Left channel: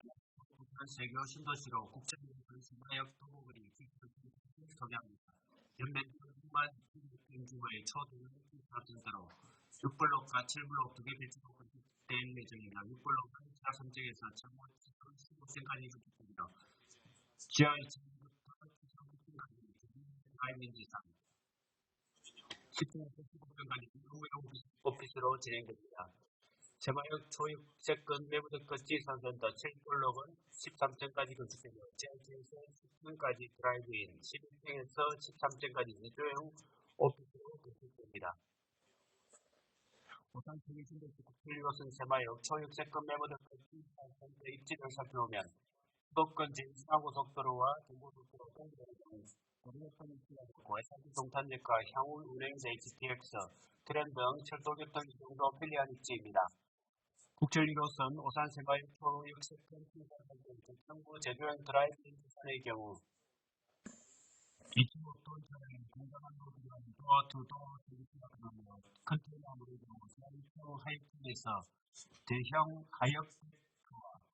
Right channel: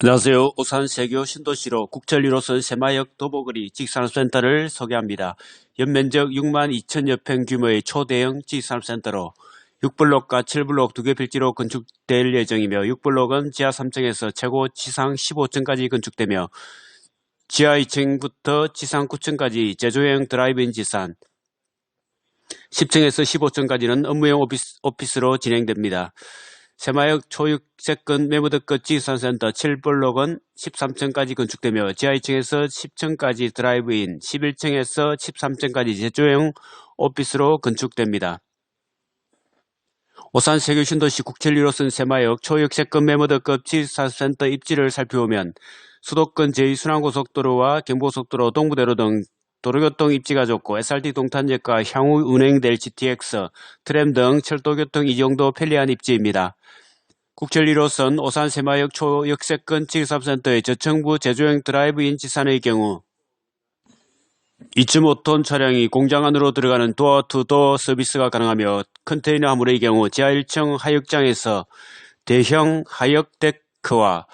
안녕하세요. 오산 세교 신도시로 국철 1호선 세마역 도보거리 직산업센터를 소개합니다. 연면적 6만 2천여 평 규모의 초대형 직산업센터로 6블록과 7블록 두 개 필지로 건축될 예정이며 6블록은 지하 3층에서 최고 지상 15층까지 건축되며 지하 2층부터 지상 9층까지 제조형 드라이브인 지산 10층에서 15층까지는 업무용 오피스, 오피스로 진행됩니다. 세마역 초육세권 메모드급 지산센터 7블록은 13층까지 건축되며 지하 2층에서 10층까지 드라이브인, 11층에서 13층까지 제조형 오피스로 건축됩니다. 오산 세교 신도시 국철 1호선 세마역 초역세권 메모드급 지산센터 입지를 살펴보면 수도권 제2순환고속도로와 경부고속도로 동부대로 등 도로교통 입지가 좋고 SRT 동탄역과 향후 운행될 GTX, 트램 등 철도교통 이 정도 편리한 입지입니다. 국철 1호선 오산 세마역 초역세권 지급센터의 저층부 제조형 드라이브인 지산의 경우 2.5톤 차량이 공장 안으로 들어가는 도어-투-도어 서비스가 가능하며 컨테이너 화물의 경우 지하 1층 하역장에서 대형 하역 데크와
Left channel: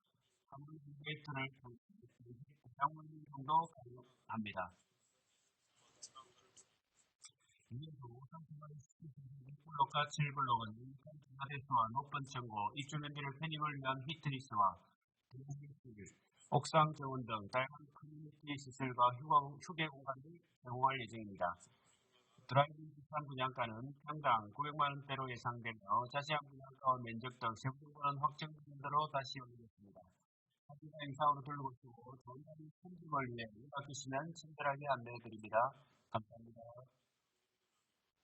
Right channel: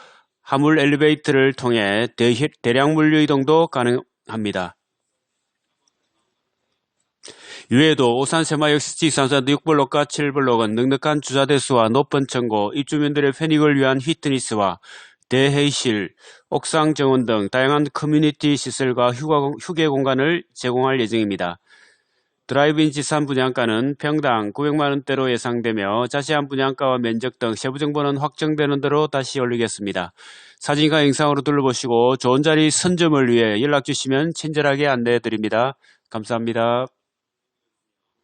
화물 엘리베이터를 통해 대, 대량 물류 이동도 가능합니다. 이외에도 오산 세마역 시지산산도 6블록과 7블록은 넉넉한 주차 대수와 높은 층고, 입주민들의 편익을 위한 휘트니스와 대회의실, 옥상 정원 등 다양한 커뮤니티 시설과 휴게 공간을 제공할 예정입니다. 드라이브인 지산 분양가는 평당 900만원대로 예상되며 자세한 분양가와 면적 등 세부 정보는 확정되는 대로 다시 올리겠습니다. 사진과 영상으로 둘러보시고 좋은 자리 선점을 위해 연락 주시면 친절하게 안내해 드립니다. 감사합니다.